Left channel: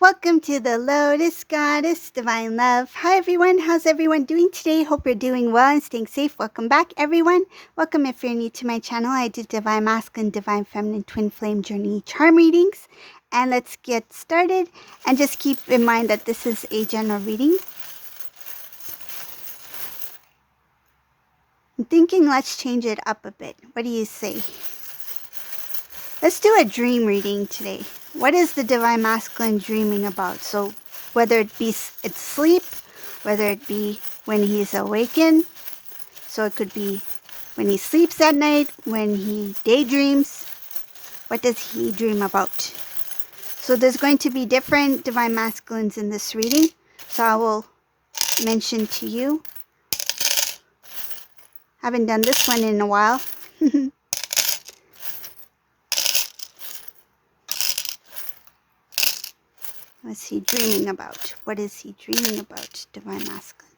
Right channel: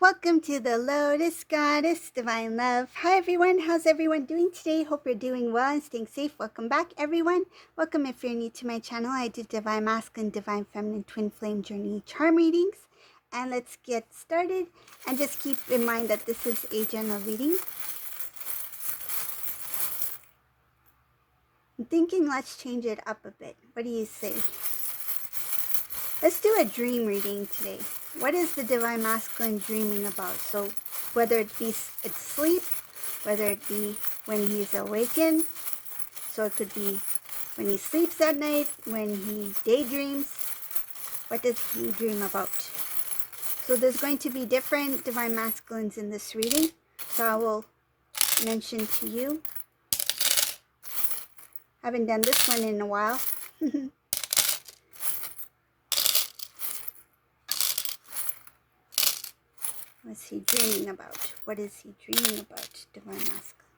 Welcome to the Lotus Goddess Divine Love. Hi everyone, how's everyone doing today? Hope you're doing well and staying safe. Welcome back everyone. Welcome if you're new to my channel. I do Divine Masculine, Divine Feminine, Twin Flame Journey charm readings. And let's get started. And just keep in mind that this is a general reading. I'm thinking let's change it up a bit. What do you say? Let's do a dream reading today. What is the Divine Masculine dreaming about? So whether it be it's sleep, whether it be when he's awakened, so it could be when he sleeps at night, when he daydreams, what does he dream about? So there's going to be different Divine Masculines in this reading, so I will mention to you. I haven't done this one in a while. What's he dreaming about? What is he dreaming about, Divine Masculine?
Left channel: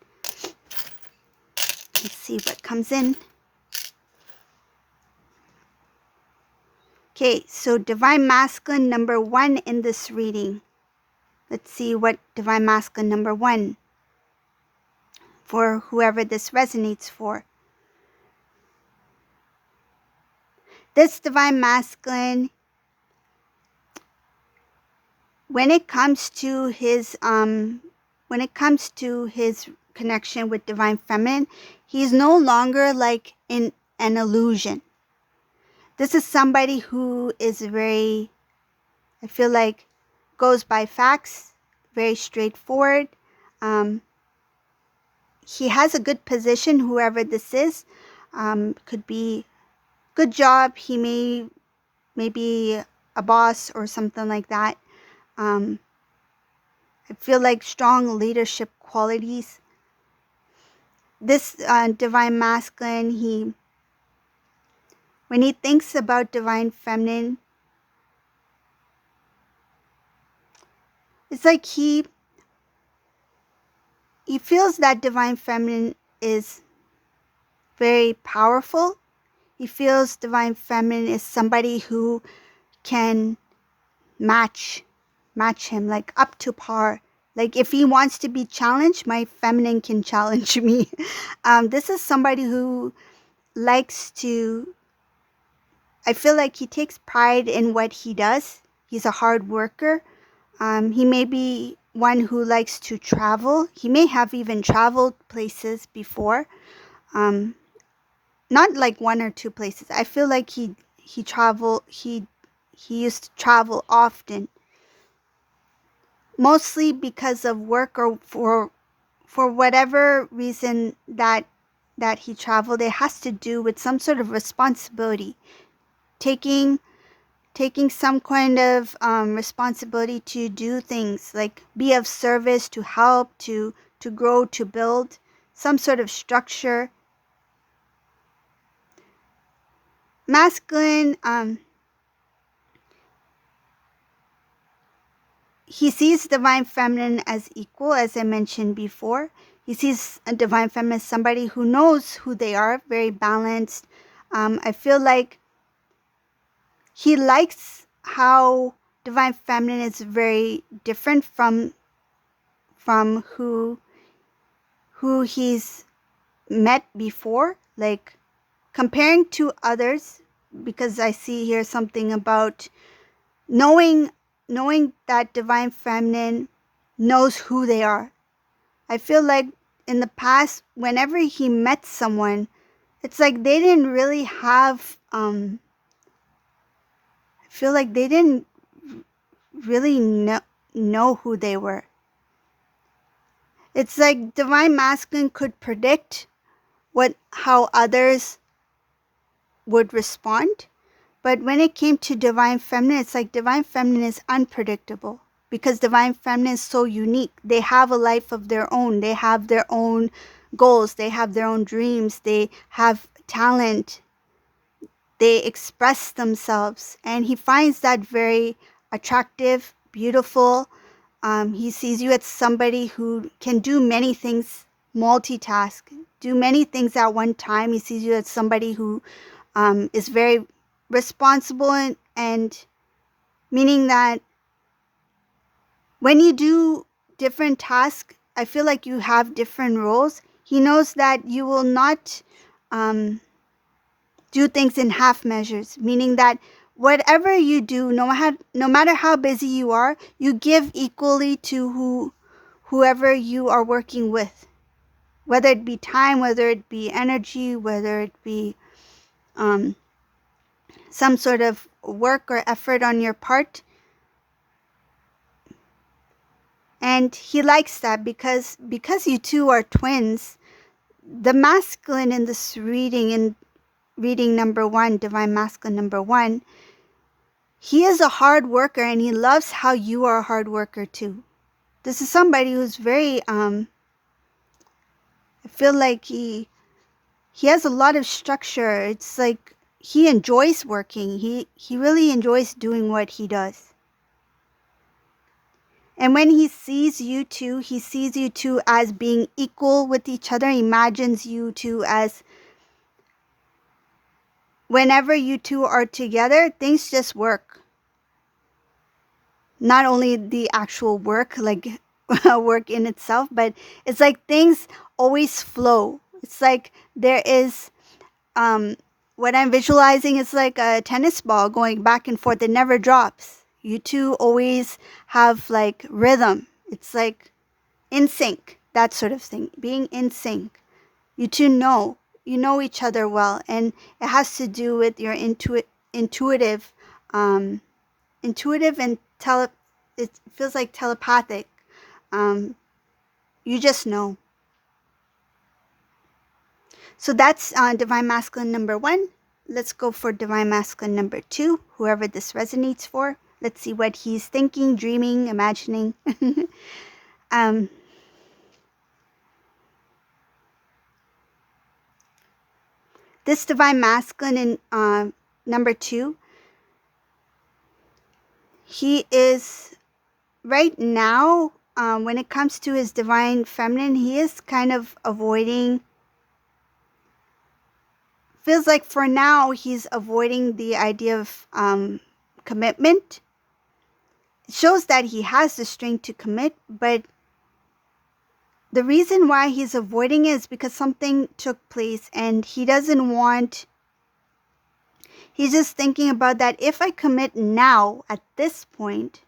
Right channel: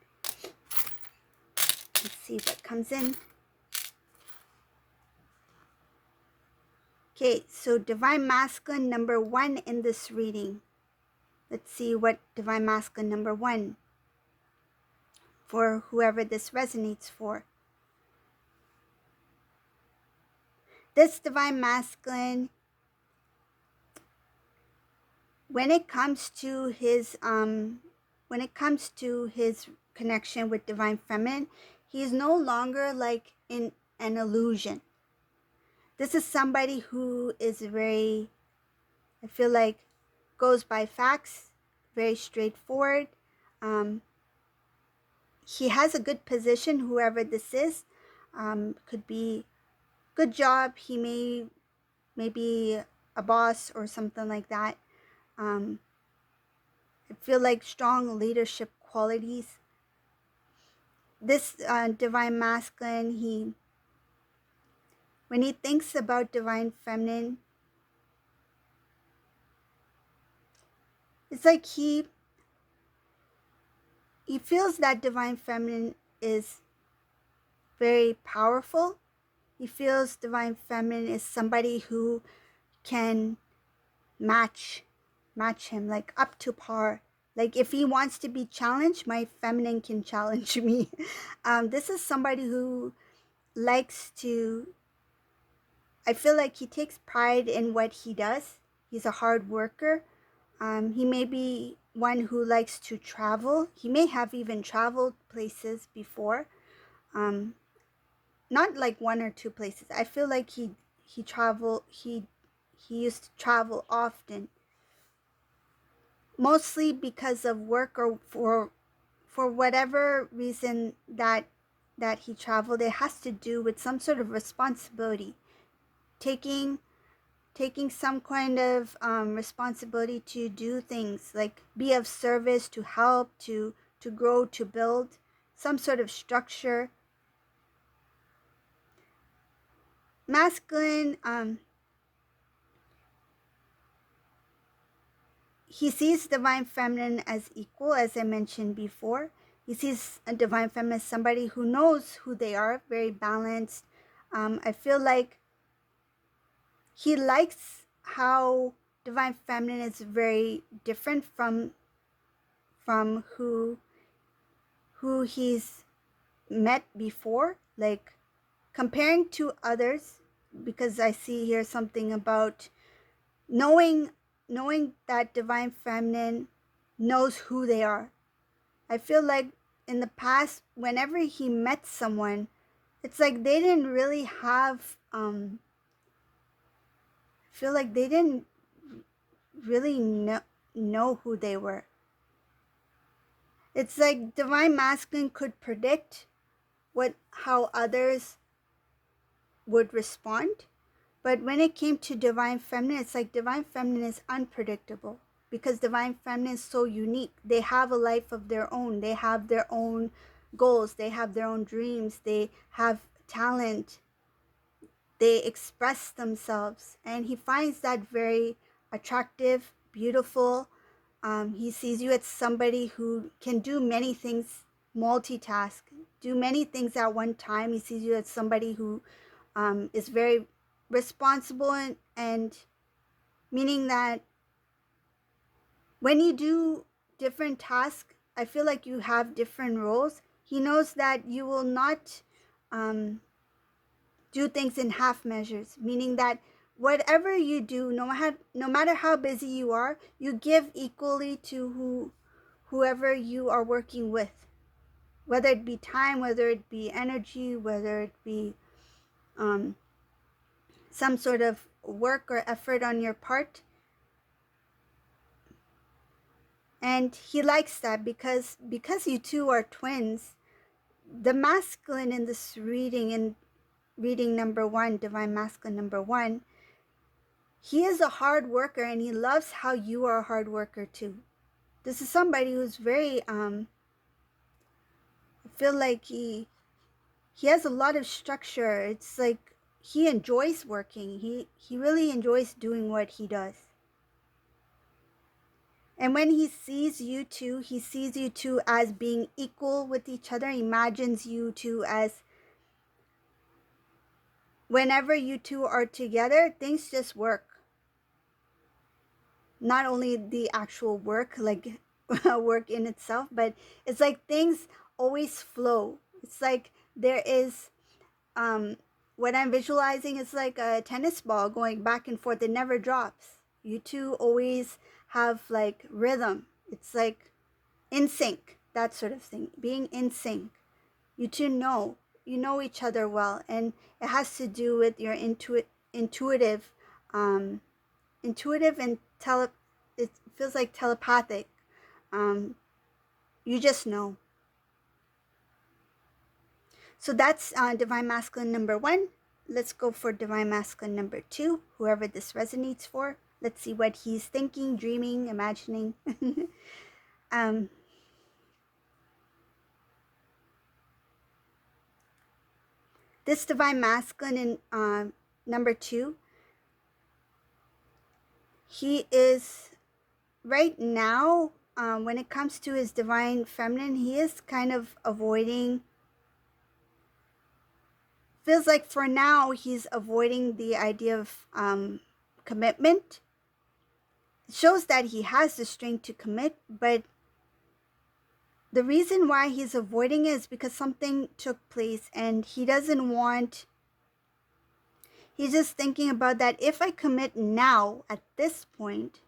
Let's see what comes in. Okay, so Divine Masculine number 1 in this reading. Let's see what Divine Masculine number 1, for whoever this resonates for. This Divine Masculine, when it comes to his connection with Divine Feminine, he's no longer like in an illusion. This is somebody who is very, I feel like, goes by facts, very straightforward. He has a good position, whoever this is. Could be good job. He may be a boss or something like that. I feel like strong leadership qualities. This Divine Masculine, when he thinks about Divine Feminine, it's like he feels that Divine Feminine is very powerful. He feels Divine Feminine is somebody who can match him, like up to par. Like if he wants to be challenged, my feminine can challenge me. This is somebody who likes to, I feel like he takes pride in what he does. He's a hard worker. He may be one who likes to travel. He may have even traveled places before. Not like one or two places. I feel like he used to travel often. Mostly because of work or for whatever reason that he traveled. It has to do with some sort of responsibility, taking some kind of responsibility to do things, like be of service, to help, to grow, to build some sort of structure. Masculine, he sees Divine Feminine as equal, as I mentioned before. He sees a Divine Feminine as somebody who knows who they are, very balanced. I feel like he likes how Divine Feminine is very different from who he's met before. Like comparing to others, because I see here something about knowing that Divine Feminine knows who they are. I feel like in the past, whenever he met someone, it's like they didn't really have, I feel like they didn't really know who they were. It's like Divine Masculine could predict how others would respond. But when it came to Divine Feminine, it's like Divine Feminine is unpredictable, because Divine Feminine is so unique. They have a life of their own. They have their own goals. They have their own dreams. They have talent. They express themselves. And he finds that very attractive, beautiful. He sees you as somebody who can do many things, multitask, do many things at one time. He sees you as somebody who is very responsible, and meaning that When you do different tasks, I feel like you have different roles. He knows that you will not do things in half measures, meaning that whatever you do, no matter how busy you are, you give equally to whoever you are working with, whether it be time, whether it be energy, whether it be um, some sort of work or effort on your part. And he likes that because you two are twins. The masculine in this reading, in reading number 1, divine masculine number 1, he is a hard worker and he loves how you are a hard worker too. This is somebody who's very I feel like he has a lot of structure. It's like he enjoys working. He really enjoys doing what he does. And when he sees you two as being equal with each other. He imagines you two as, whenever you two are together, things just work. Not only the actual work, like work in itself, but it's like things always flow. It's like there is, what I'm visualizing is like a tennis ball going back and forth. It never drops. You two always have like rhythm. It's like in sync, that sort of thing. Being in sync. You two you know each other well, and it has to do with your intuitive, intuitive and it feels like telepathic. You just know. So that's divine masculine number 1. Let's go for divine masculine number 2, whoever this resonates for. Let's see what he's thinking, dreaming, imagining. This divine masculine in number 2, he is right now, when it comes to his divine feminine, he is kind of avoiding, feels like for now he's avoiding the idea of commitment. It shows that he has the strength to commit, but the reason why he's avoiding it is because something took place and he doesn't want, he's just thinking about that if I commit now at this point,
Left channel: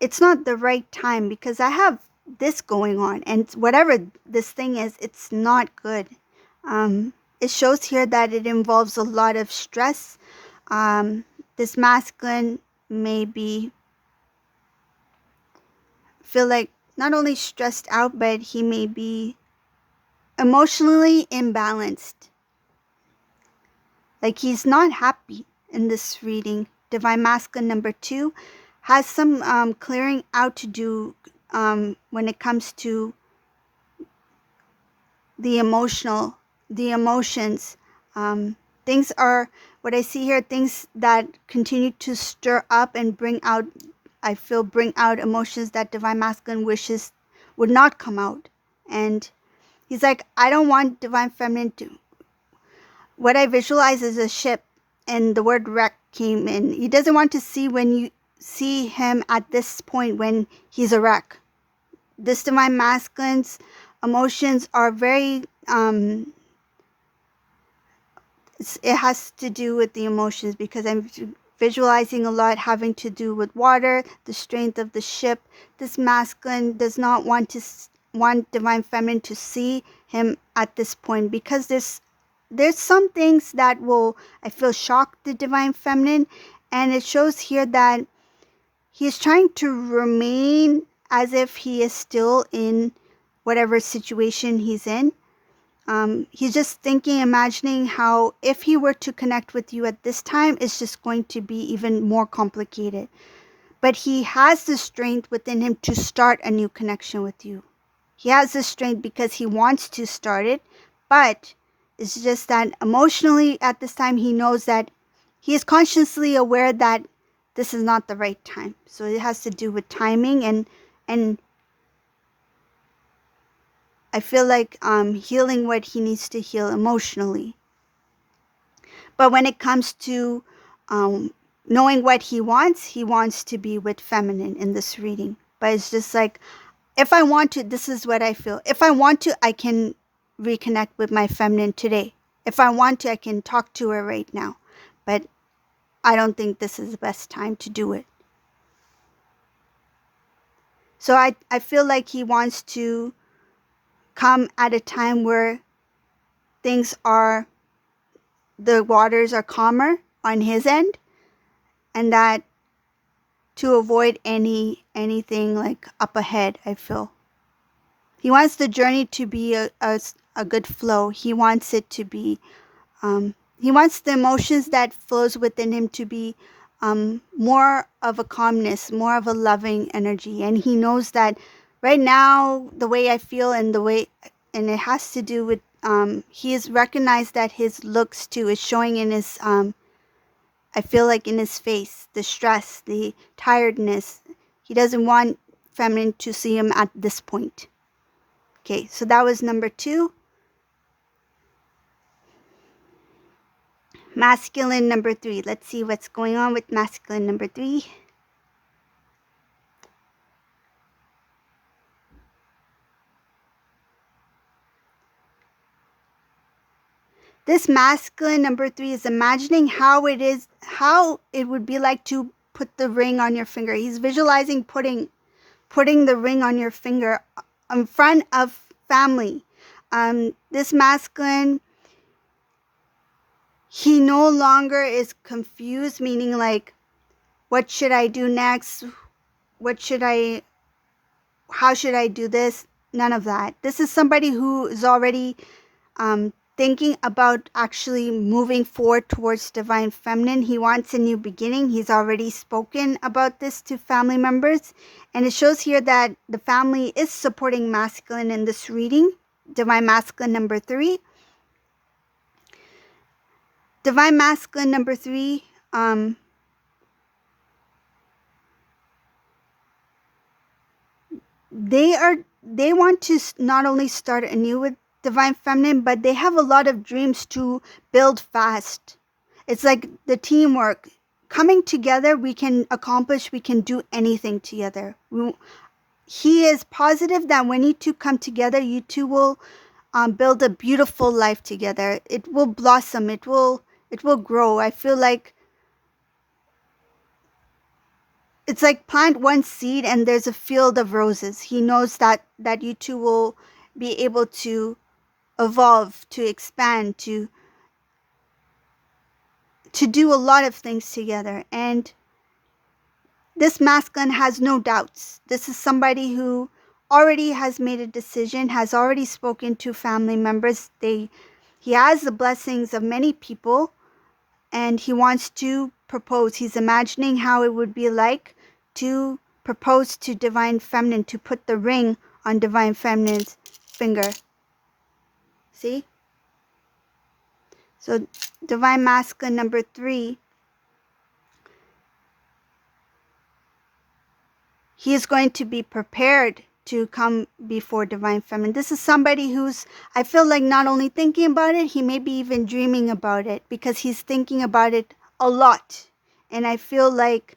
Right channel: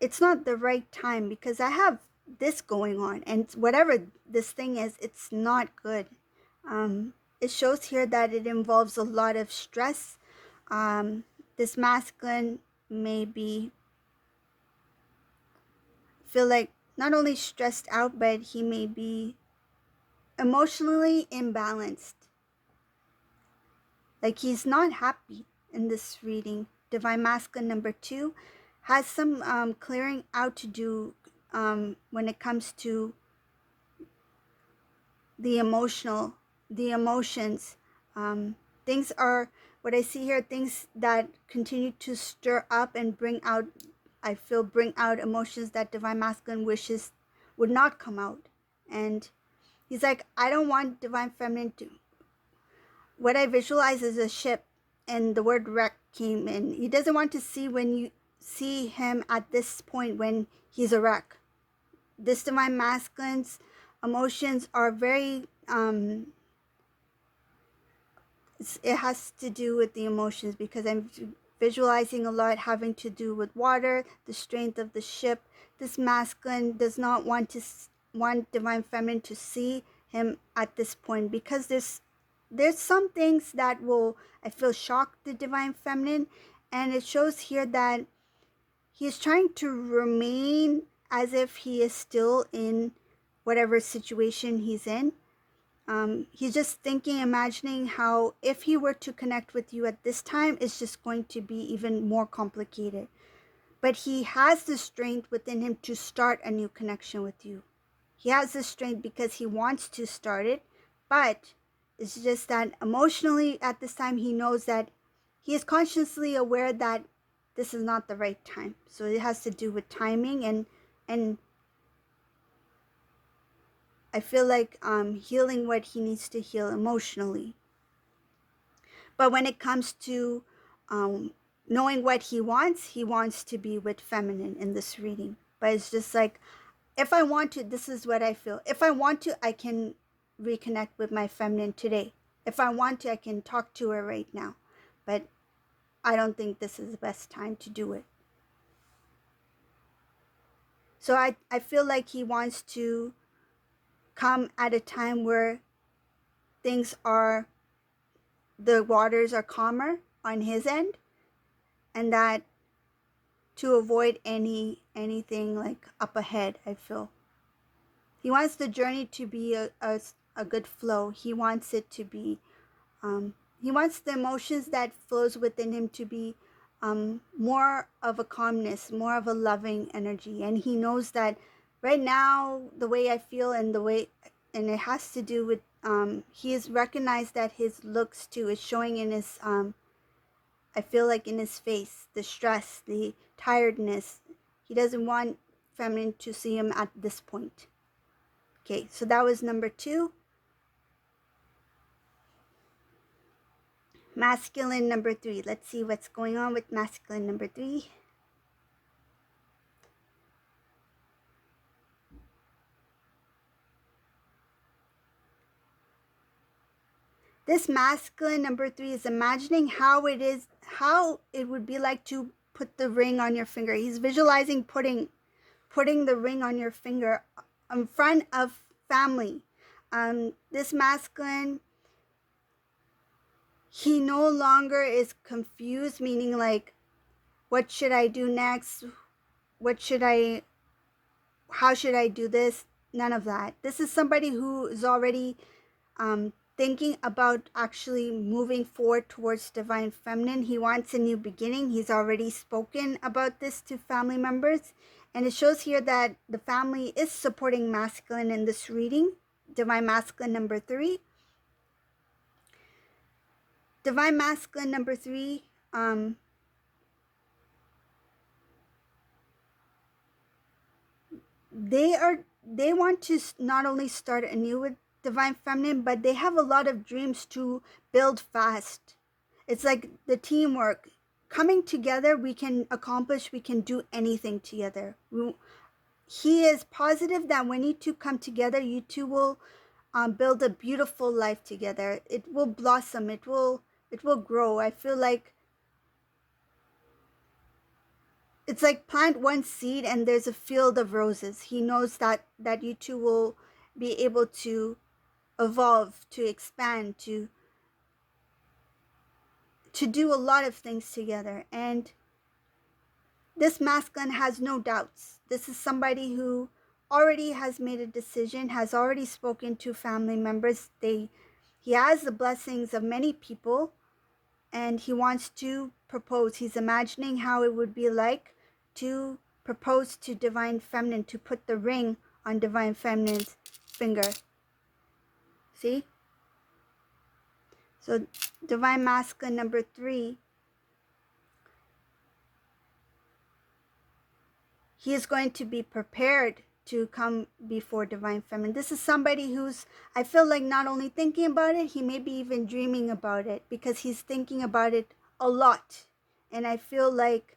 it's not the right time because I have this going on, and whatever this thing is, it's not good. It shows here that it involves a lot of stress. This masculine may feel like not only stressed out, but he may be emotionally imbalanced. Like he's not happy in this reading. Divine masculine number 2 has some clearing out to do when it comes to the emotions. Things are, what I see here, things that continue to stir up and bring out, I feel, bring out emotions that divine masculine wishes would not come out. And he's like, I don't want divine feminine to, what I visualize is a ship, and the word wreck came in. He doesn't want to see when you see him at this point when he's a wreck. This divine masculine's emotions are very it has to do with the emotions, because I'm visualizing a lot having to do with water, the strength of the ship. This masculine does not want divine feminine to see him at this point, because there's some things that will, I feel, shock the divine feminine. And it shows here that he's trying to remain as if he is still in whatever situation he's in. He's just thinking, imagining how if he were to connect with you at this time, it's just going to be even more complicated. But he has the strength within him to start a new connection with you. He has the strength because he wants to start it, but it's just that emotionally at this time, he knows that he is consciously aware that this is not the right time. So it has to do with timing and I feel like healing what he needs to heal emotionally. But when it comes to knowing what he wants to be with feminine in this reading. but it's just like, if I want to, this is what I feel. If I want to, I can reconnect with my feminine today. If I want to, I can talk to her right now. But I don't think this is the best time to do it. So I feel like he wants to come at a time where things are, the waters are calmer on his end, and that to avoid anything like up ahead, I feel. He wants the journey to be a good flow. He wants it to be, he wants the emotions that flows within him to be more of a calmness, more of a loving energy. And he knows that right now, the way I feel and the way, and it has to do with, he has recognized that his looks too is showing in his, I feel like in his face, the stress, the tiredness. He doesn't want feminine to see him at this point. Okay, so that was number 2. Masculine number 3. Let's see what's going on with masculine number 3. This masculine number 3 is imagining how it would be like to put the ring on your finger. He's visualizing putting the ring on your finger in front of family. This masculine, he no longer is confused, meaning like, what should I do next? How should I do this? None of that. This is somebody who is already thinking about actually moving forward towards divine feminine. He wants a new beginning. He's already spoken about this to family members. And it shows here that the family is supporting masculine in this reading. Divine masculine number 3. Divine masculine number 3, they want to not only start anew with divine feminine, but they have a lot of dreams to build fast. It's like the teamwork. Coming together, we can accomplish, we can do anything together. He is positive that when you two come together, you two will build a beautiful life together. It will blossom. It will grow. I feel like it's like plant one seed and there's a field of roses. He knows that you two will be able to evolve, to expand, to do a lot of things together. And this masculine has no doubts. This is somebody who already has made a decision, has already spoken to family members. He has the blessings of many people, and he wants to propose. He's imagining how it would be like to propose to divine feminine, to put the ring on divine feminine's finger. See? So divine masculine number 3, he is going to be prepared to come before divine feminine. This is somebody who's, I feel like, not only thinking about it, he may be even dreaming about it, because he's thinking about it a lot. And I feel like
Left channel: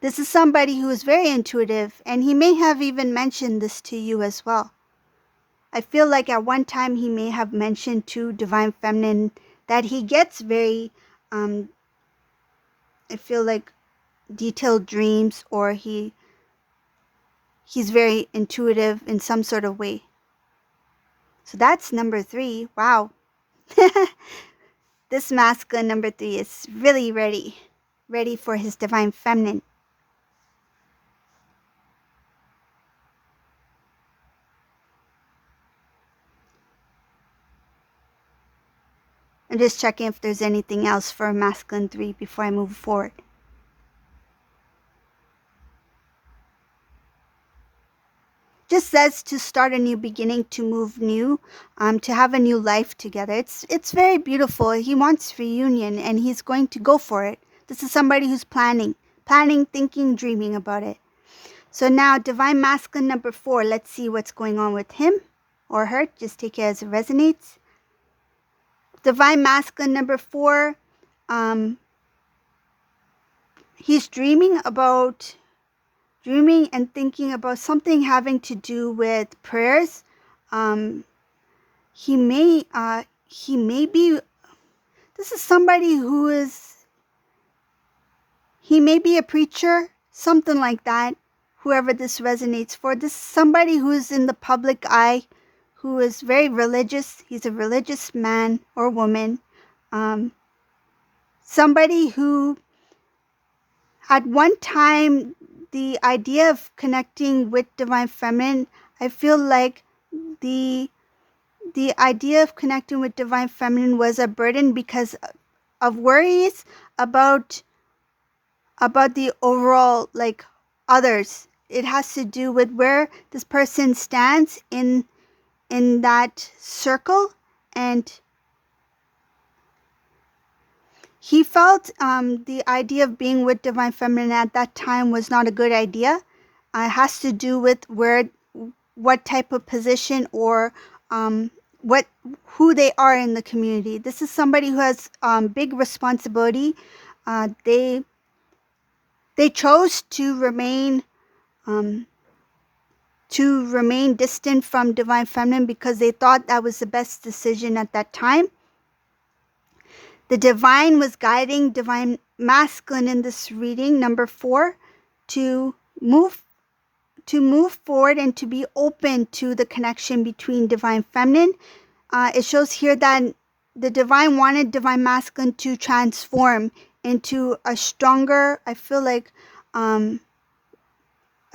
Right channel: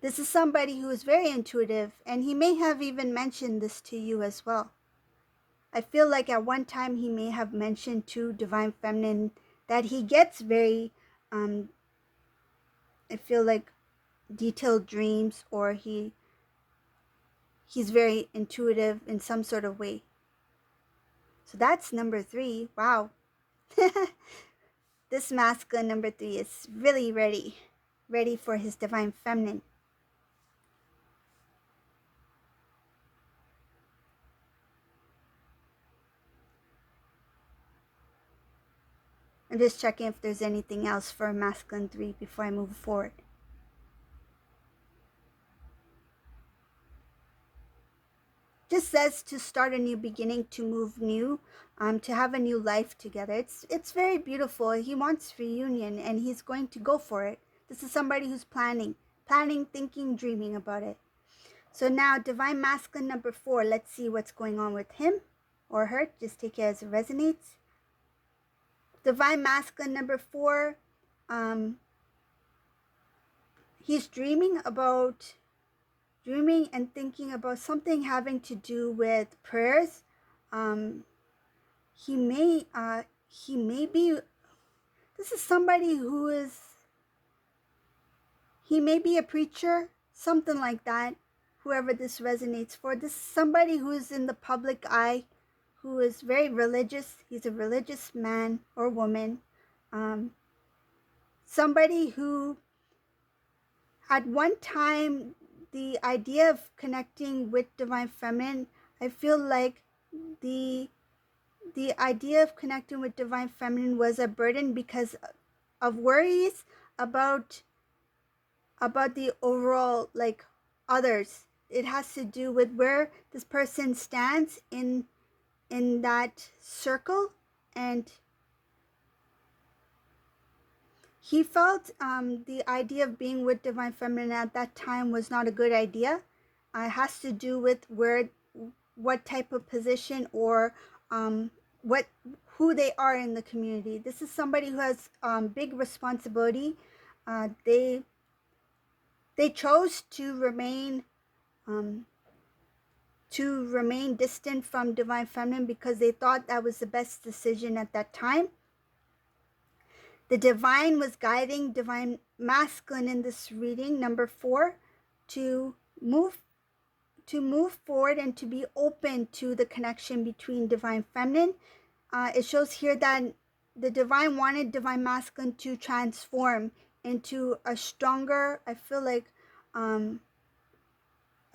this is somebody who is very intuitive, and he may have even mentioned this to you as well. I feel like at one time he may have mentioned to divine feminine that he gets very, I feel like, detailed dreams, or he's very intuitive in some sort of way. So that's number 3. Wow. This masculine number 3 is really ready for his divine feminine. I'm just checking if there's anything else for masculine 3 before I move forward. Just says to start a new beginning, to move new, to have a new life together. It's very beautiful. He wants reunion, and he's going to go for it. This is somebody who's planning, thinking, dreaming about it. So now divine masculine number 4, let's see what's going on with him or her. Just take it as it resonates. Divine masculine number 4, he's dreaming about dreaming and thinking about something having to do with prayers. Um, he may be, this is somebody who is, he may be a preacher, something like that. Whoever this resonates for, this is somebody who is in the public eye, who is very religious. He's a religious man or woman. Somebody who at one time, the idea of connecting with divine feminine, I feel like the the idea of connecting with divine feminine was a burden because of worries about the overall, like, others. It has to do with where this person stands in that circle, and he felt the idea of being with divine feminine at that time was not a good idea. It has to do with what type of position or what who they are in the community. This is somebody who has big responsibility. They chose um, to remain distant from divine feminine because they thought that was the best decision at that time. The divine was guiding divine masculine in this reading, number 4, to move forward and to be open to the connection between divine feminine. It shows here that the divine wanted divine masculine to transform into a stronger, I feel like, a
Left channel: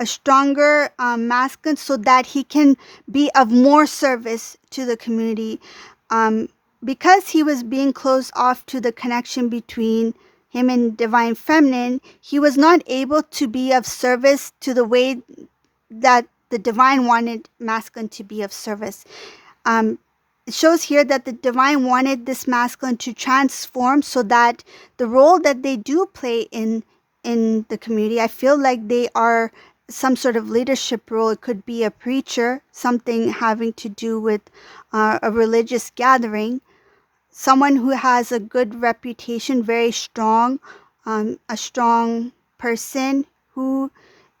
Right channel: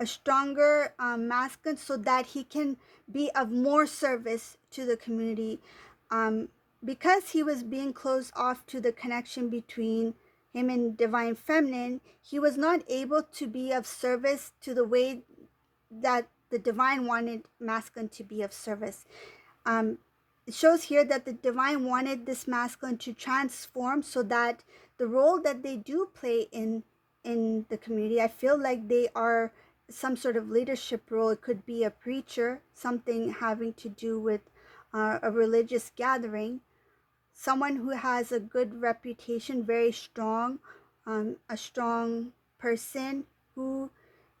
stronger masculine, so that he can be of more service to the community. Because he was being closed off to the connection between him and divine feminine, he was not able to be of service to the way that the divine wanted masculine to be of service. It shows here that the divine wanted this masculine to transform so that the role that they do play in the community, I feel like they are some sort of leadership role. It could be a preacher, something having to do with a religious gathering, someone who has a good reputation, very strong, a strong person who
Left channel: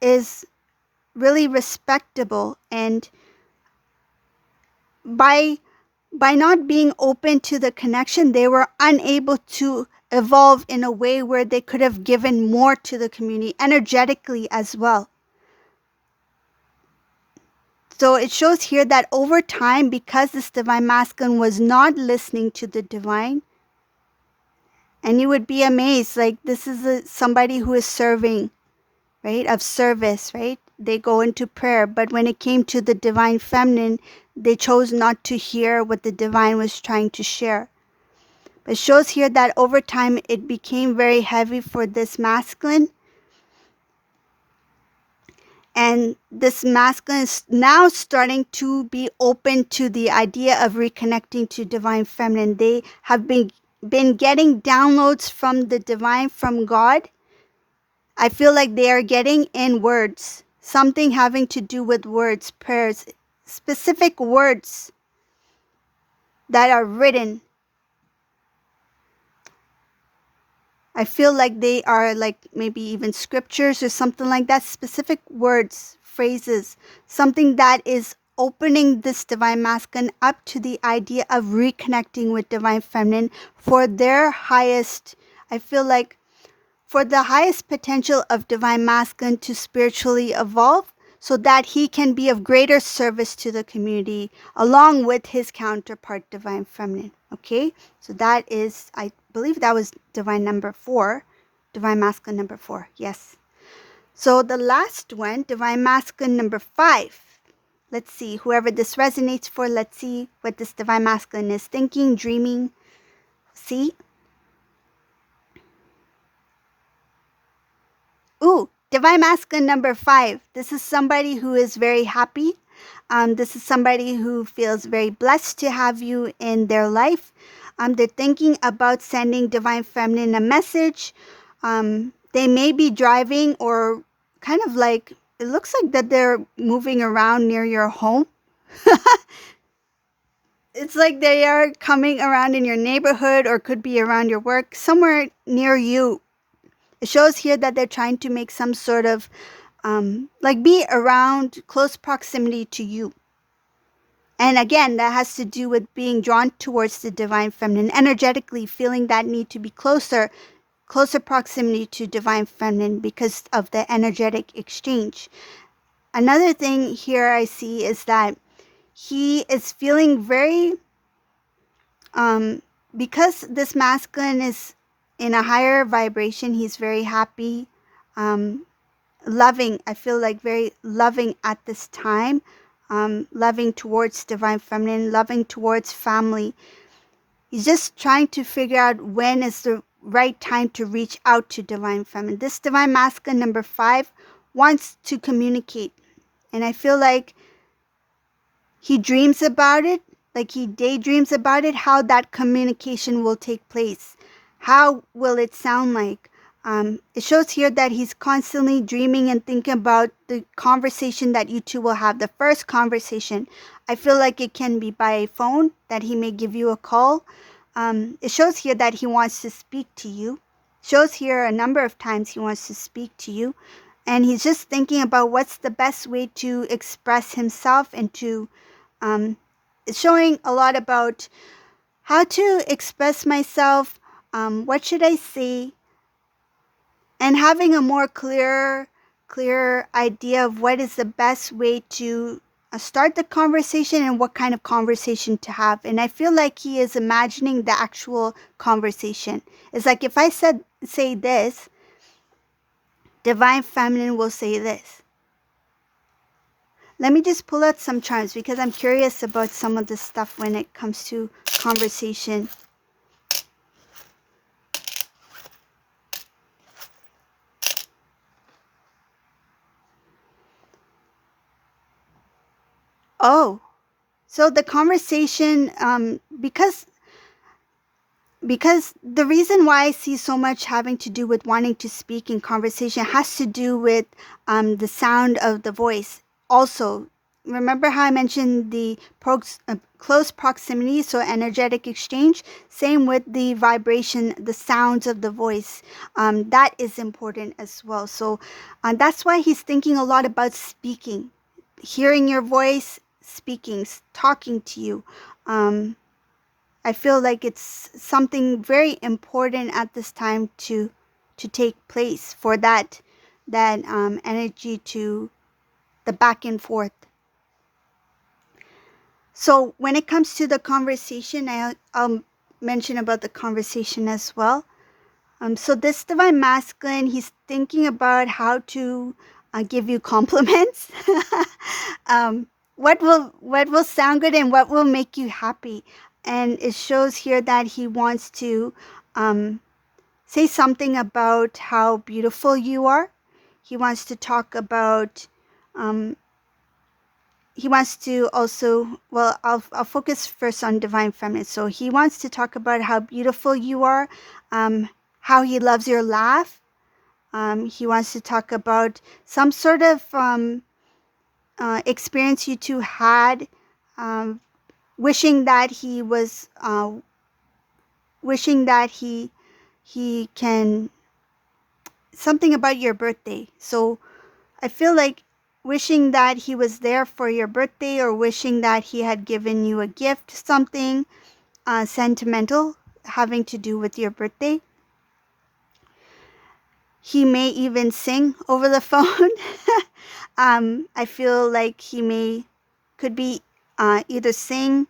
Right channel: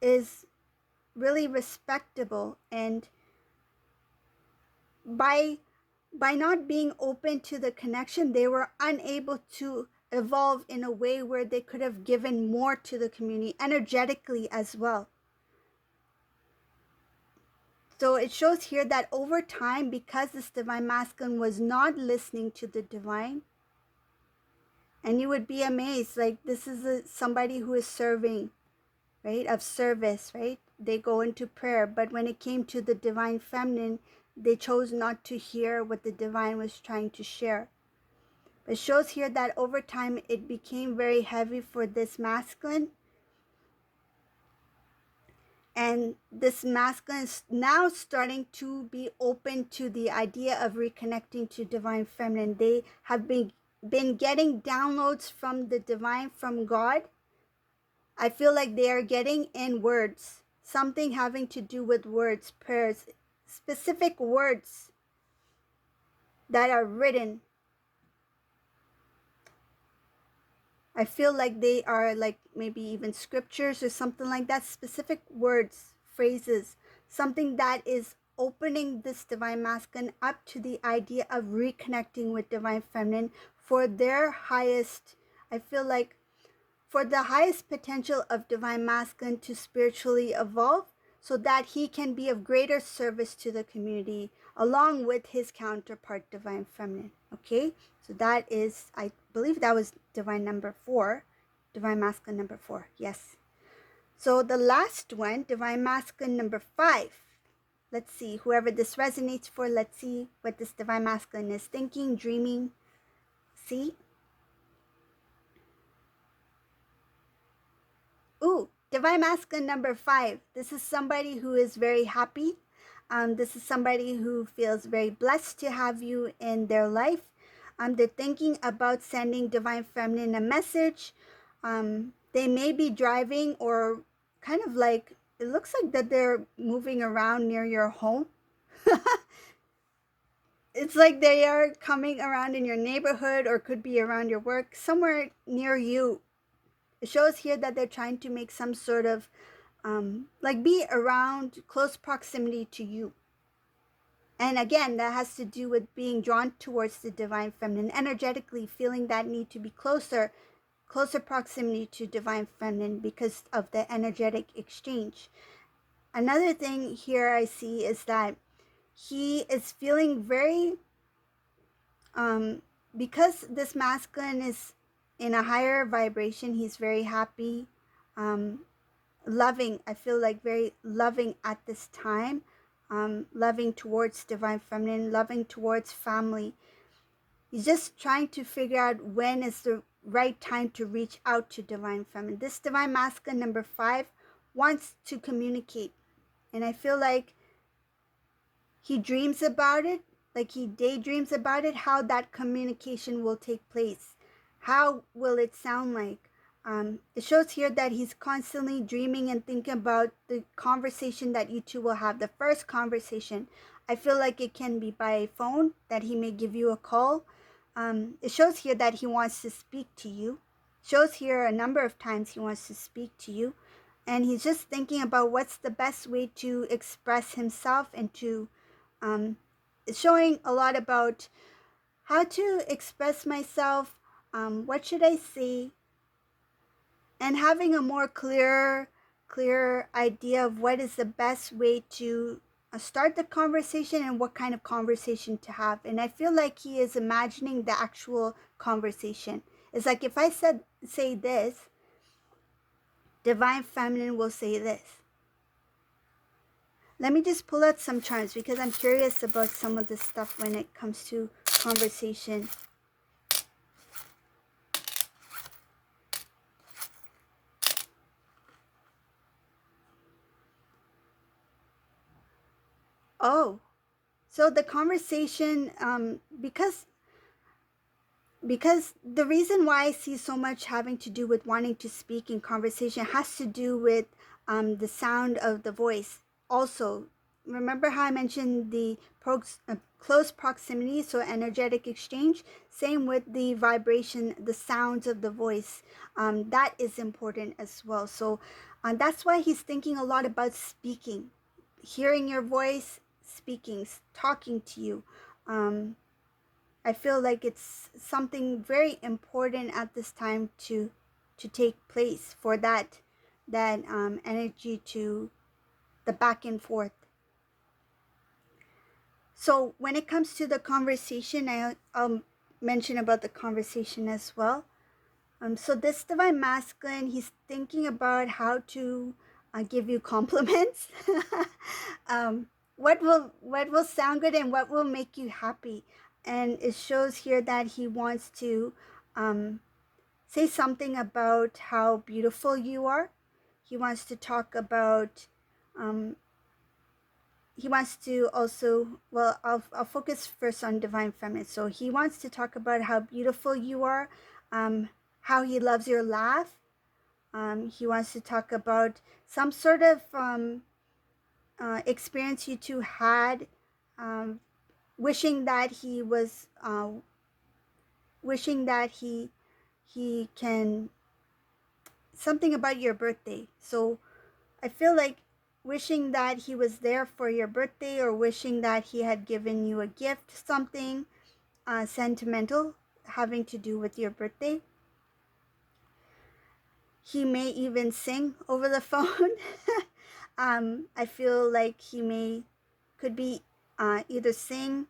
is really respectable. And by not being open to the connection, they were unable to evolve in a way where they could have given more to the community energetically as well. So it shows here that over time, because this divine masculine was not listening to the divine, and you would be amazed, like, this is somebody who is serving, right, of service, right? They go into prayer, but when it came to the divine feminine, they chose not to hear what the divine was trying to share. It shows here that over time it became very heavy for this masculine, and this masculine is now starting to be open to the idea of reconnecting to divine feminine. They have been getting downloads from the divine, from God. I feel like they are getting in words, something having to do with words, prayers, specific words that are written. I feel like they are like maybe even scriptures or something like that, specific words, phrases, something that is opening this divine masculine up to the idea of reconnecting with divine feminine for their highest, I feel like, for the highest potential of divine masculine to spiritually evolve, so that he can be of greater service to the community along with his counterpart, divine feminine. Okay, so that is, I believe that was divine number 4, divine masculine number 4. Yes. So the last one, divine masculine number 5. Let's see, whoever this resonates for, let's see what this divine masculine is thinking, dreaming. See? Ooh, divine masculine number 5. This is somebody who is very happy. This is somebody who feels very blessed to have you in their life. They're thinking about sending divine feminine a message. They may be driving, or kind of like, it looks like that they're moving around near your home. It's like they are coming around in your neighborhood, or could be around your work, somewhere near you. It shows here that they're trying to make some sort of like be around close proximity to you. And again, that has to do with being drawn towards the divine feminine, energetically feeling that need to be closer proximity to divine feminine because of the energetic exchange. Another thing here I see is that he is feeling very, because this masculine is in a higher vibration, he's very happy, loving. I feel like very loving at this time, loving towards divine feminine, loving towards family. He's just trying to figure out when is the right time to reach out to divine feminine. This divine masculine number 5 wants to communicate. And I feel like he dreams about it, like he daydreams about it, how that communication will take place. How will it sound like? It shows here that he's constantly dreaming and thinking about the conversation that you two will have. The first conversation, I feel like it can be by phone, that he may give you a call. It shows here that he wants to speak to you. Shows here a number of times he wants to speak to you. And he's just thinking about what's the best way to express himself and to, it's showing a lot about how to express myself, what should I say, and having a more clear idea of what is the best way to start the conversation and what kind of conversation to have. And I feel like he is imagining the actual conversation. It's like if I say this, divine feminine will say this. Let me just pull out some charms because I'm curious about some of the stuff when it comes to conversation. Oh, so the conversation, because the reason why I see so much having to do with wanting to speak in conversation has to do with the sound of the voice. Also, remember how I mentioned the close proximity, so energetic exchange? Same with the vibration, the sounds of the voice. That is important as well. So that's why he's thinking a lot about speaking, hearing your voice, speaking, talking to you. I feel like it's something very important at this time to take place for that energy to the back and forth. So when it comes to the conversation, I'll mention about the conversation as well. So this divine masculine, he's thinking about how to give you compliments. What will sound good and what will make you happy. And it shows here that he wants to say something about how beautiful you are. He wants to talk about, he wants to also, well, I'll focus first on divine feminine. So he wants to talk about how beautiful you are, how he loves your laugh. He wants to talk about some sort of experience you two had, wishing that he was, wishing that he can, something about your birthday. So I feel like wishing that he was there for your birthday, or wishing that he had given you a gift, something sentimental having to do with your birthday. He may even sing over the phone. I feel like he could be either sing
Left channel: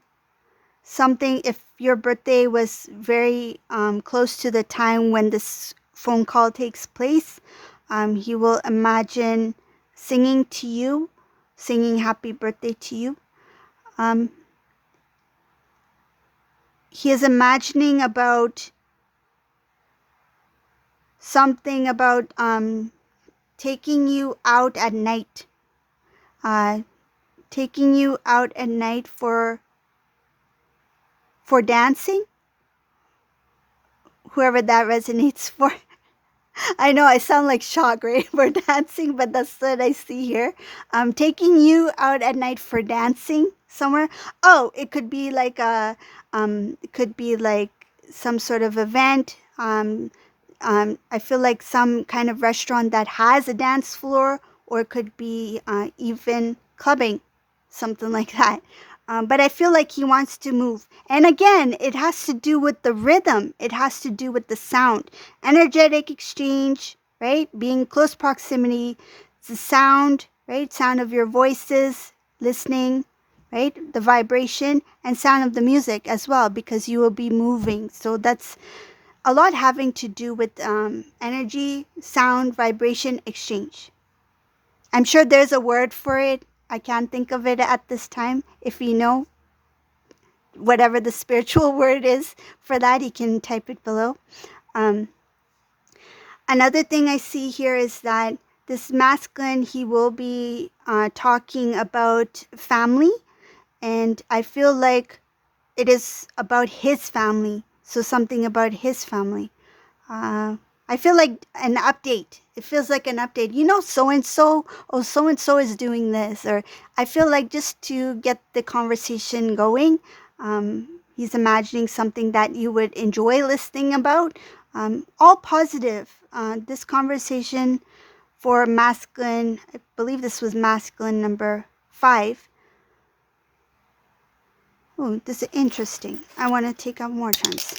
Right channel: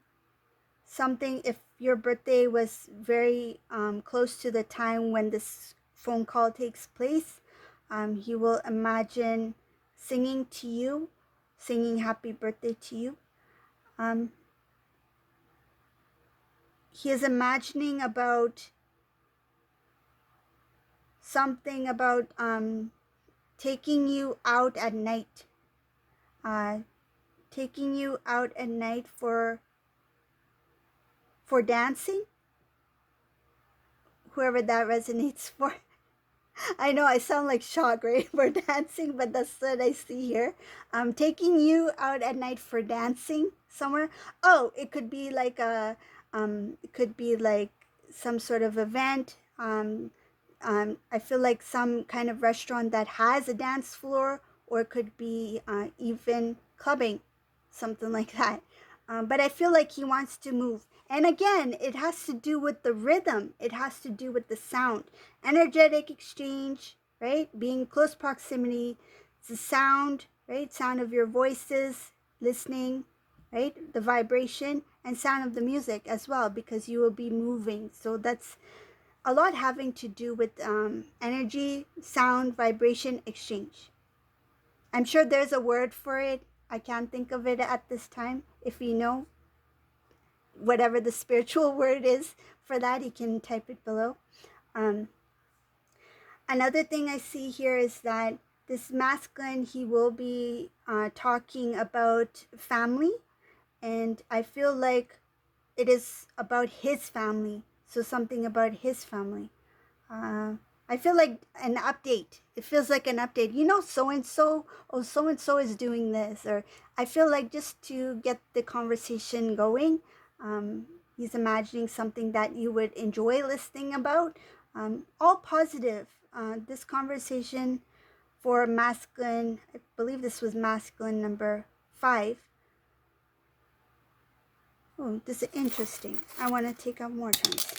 something if your birthday was very close to the time when this phone call takes place. He will imagine singing to you, singing happy birthday to you. He is imagining about something about taking you out at night, taking you out at night for dancing, whoever that resonates for. I know I sound like Shagre for dancing, but that's what I see here. Taking you out at night for dancing somewhere. Oh, it could be like it could be like some sort of event. I feel like some kind of restaurant that has a dance floor, or could be even clubbing, something like that. But I feel like he wants to move. And again, it has to do with the rhythm. It has to do with the sound. Energetic exchange, right? Being close proximity. It's the sound, right? Sound of your voices, listening, right? The vibration and sound of the music as well, because you will be moving. So that's a lot having to do with energy, sound, vibration, exchange. I'm sure there's a word for it. I can't think of it at this time. If you know whatever the spiritual word is for that, you can type it below. Um, Another thing I see here is that this masculine, he will be talking about family. And I feel like it is about his family. So something about his family. I feel like an update. It feels like an update. You know, so and so, oh, so and so is doing this. Or I feel like just to get the conversation going, he's imagining something that you would enjoy listening about. All positive. This conversation for masculine, I believe this was masculine number 5. Oh, this is interesting. I want to take out more times.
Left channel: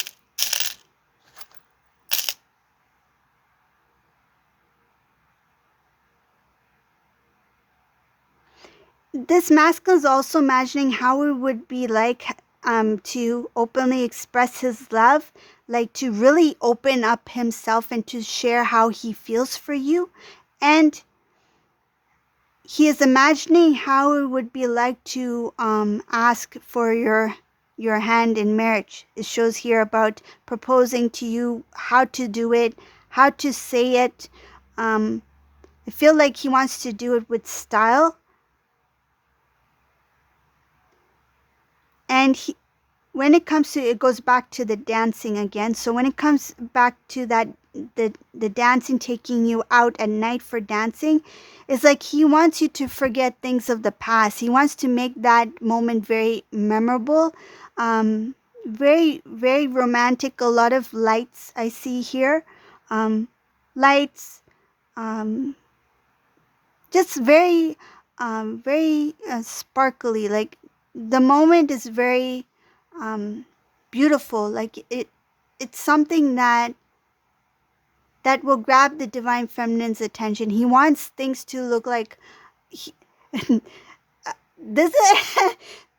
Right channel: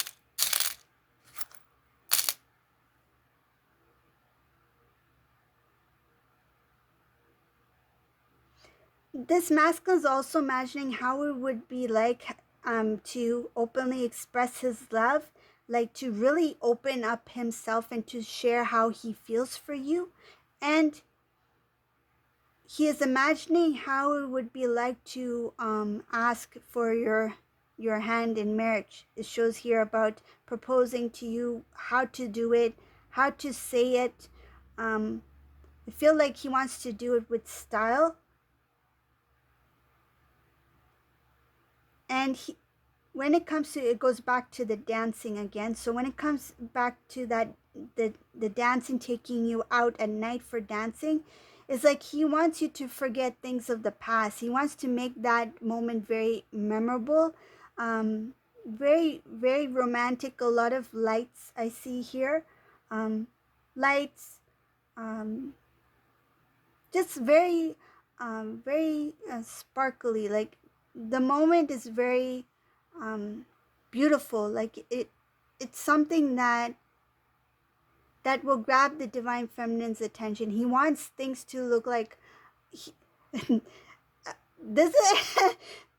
This masculine is also imagining how it would be like to openly express his love, like to really open up himself and to share how he feels for you. And he is imagining how it would be like to ask for your hand in marriage. It shows here about proposing to you, how to do it, how to say it. I feel like he wants to do it with style. And when it comes to, it goes back to the dancing again. So when it comes back to that, the dancing, taking you out at night for dancing, it's like he wants you to forget things of the past. He wants to make that moment very memorable, very, very romantic. A lot of lights I see here, lights, um, just very, very sparkly. Like the moment is very beautiful. Like it's something that will grab the divine feminine's attention. He wants things to look like he, this is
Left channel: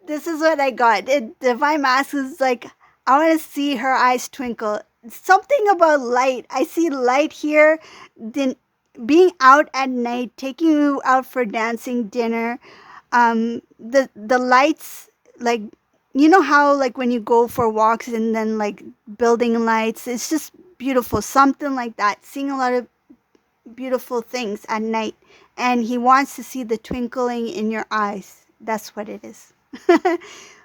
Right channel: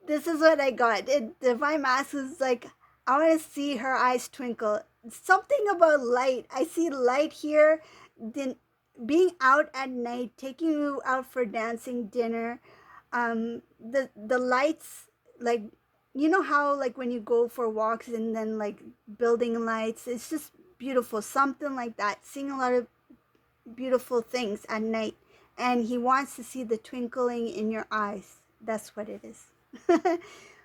this is what I got. Divine mask is like, I want to see her eyes twinkle. Something about light. I see light here. Then being out at night, taking you out for dancing, dinner. The lights, like, you know how like when you go for walks and then like building lights, it's just beautiful. Something like that. Seeing a lot of beautiful things at night, and he wants to see the twinkling in your eyes. That's what it is.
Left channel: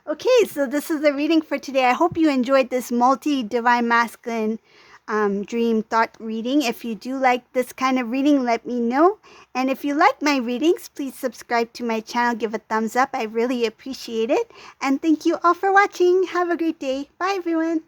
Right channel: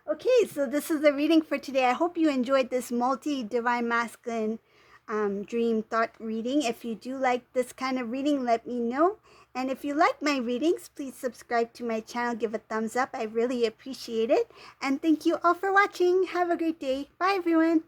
Okay, so this is the reading for today. I hope you enjoyed this multi divine masculine dream thought reading. If you do like this kind of reading, let me know. And if you like my readings, please subscribe to my channel, give a thumbs up. I really appreciate it. And thank you all for watching. Have a great day. Bye, everyone.